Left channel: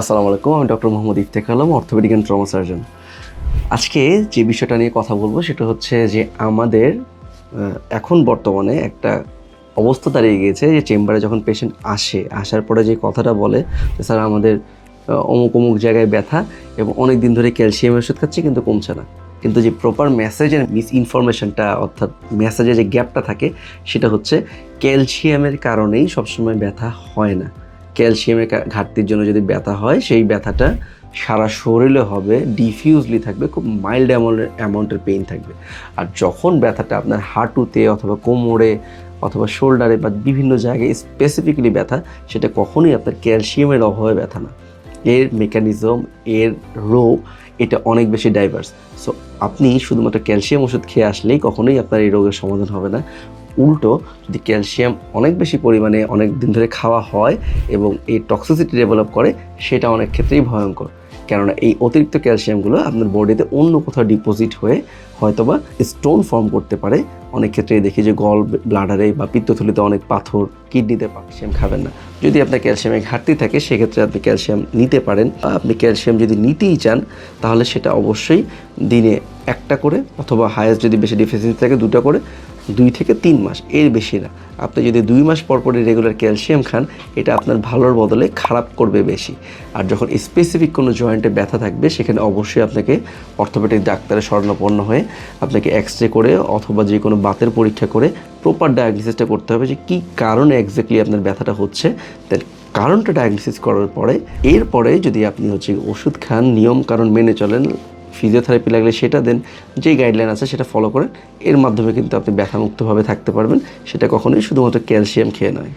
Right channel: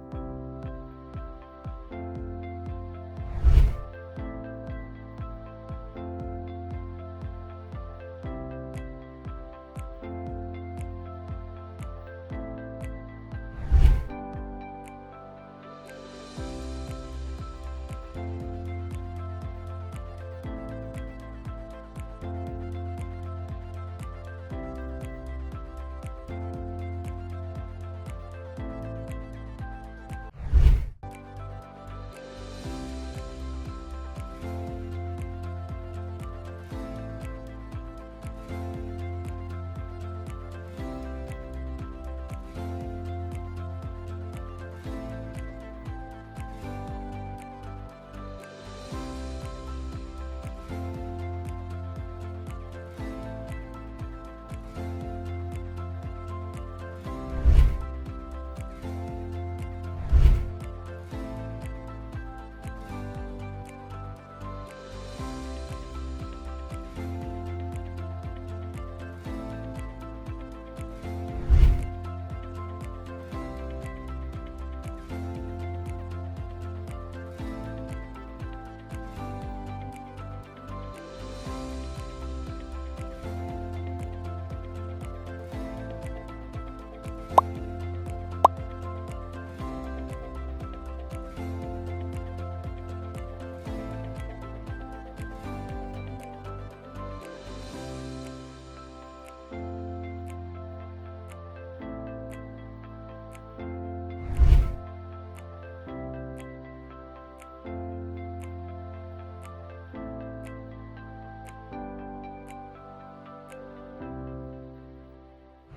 আসসালামু আলাইকুম, আমি doctor Mohammad Iftek Alam, orthopaedic and trauma surgeon. আজকে যে বিষয়টা নিয়ে কথা বলব সেটা হচ্ছে যে আমাদের এখন বর্তমানে একটা অবস্থা দাঁড়িয়ে গিয়েছে যে চেম্বারে যখন পেশেন্ট আসে, আসার পরে যে কথাটা বলে স্যার, আমাদের অমুক অমুক জায়গায় ব্যথা এবং অনেক দিন ধরে ক্যালসিয়াম ওষুধ খাচ্ছি কিন্তু কমছে না। কিন্তু যে প্রপার মেসেজের মিস ইনফরমেশনটা অর্থাৎ মেসেজে যে গ্যাপটা থাকে, সেটা হচ্ছে ক্যালসিয়ামের কারণেই সবসময় ব্যথা হয় না। ক্যালসিয়ামের ঘাটতির জন্য যদি ব্যথা হয়, সেই ব্যথাটা সারা শরীরে হবে ডিফিউজলি থাকবে, খুব মাইল্ড অ্যামাউন্টের অ্যামাউন্টের পেইন থাকবে। আর যখন ব্যথাটা আপনার হাঁটুতে অথবা কোমরে অথবা শোল্ডারে বা বিভিন্ন জায়গায় স্পেসিফিক্যালি ব্যথা, সেটা কখনোই আপনার ক্যালসিয়ামের অভাবে ব্যথা না। এর মেকানিজম এর রোগ, এটা অনেক বেশি ডাইভার্স সো আপনি শুধুমাত্র ক্যালসিয়াম ওষুধ খেয়ে আসলেই কখনোই আপনার এই রোগের সমাধান হবে না। উল্টো, যদি ক্যালসিয়াম অনেক বেশি পরিমাণে অনেক দিন ধরে খাওয়া হয় এবং এই টক্সিসিটি ডেভেলপ করে, সেটা অনেক ক্ষেত্রেই ভয়ঙ্কর। কেননা এই অতিরিক্ত ক্যালসিয়ামগুলো আপনার বডিতে অন্য কোথাও ডিপোজিট হয়ে হয়তোবা স্টোন ফর্ম করতে পারে। অনেক ক্ষেত্রে দেখি যে গল ব্লাডারে বা পিত্তথলিতে অনেক পাথর কিডনিতে ক্যালসিয়াম খাবেন না। যদি আপনার ক্যালসিয়ামের ঘাটতি থাকে, সেক্ষেত্রে আপনি ক্যালসিয়াম নিতে পারেন। আপনি ক্যালসিয়াম যদি নিতেই চান, তাহলে সেটা অবশ্যই দিনে একটা করে অথবা হায়েস্ট যদি বেশি ডিফিসিয়েন্সি থাকে দুটো করে, দুই থেকে তিন মাস, এর বেশি না। আপনি যদি দুই মাস পর পরই রেগুলার ক্যালসিয়াম খান, এটা আপনার ভালোর বদলে খারাপ করবে বেশি। আর যখন স্পেসিফিক কোনো জয়েন্টে ব্যথা থাকবে, সেখানে অবশ্যই আপনাকে অর্থোপেডিক ডাক্তারের স্বর্ণপন্ন হয়ে আপনাকে এক্স রে করে অথবা যে কোনো বাতের পরীক্ষা করে প্রপার ডায়াগনোসিসটা করতে হবে যে কী কারণে এক্স্যাক্টলি আপনার ব্যথাটা হচ্ছে। তার কারণটা ডায়াগনোসিস করার পরে, এরপরে যদি আপনি হচ্ছে ওষুধ খান নিয়ম কারণ মেনে চলেন ফিজিওথেরাপি লাগলে সেটা দেন, যেই গাইডলাইন আছে সেটা ফলো করেন। এর মাধ্যমে কিন্তু আপনি ব্যথামুক্তভাবে থাকতে পারবেন। সেটা কখনোই শুধুমাত্র ক্যালসিয়াম খেয়ে নয়।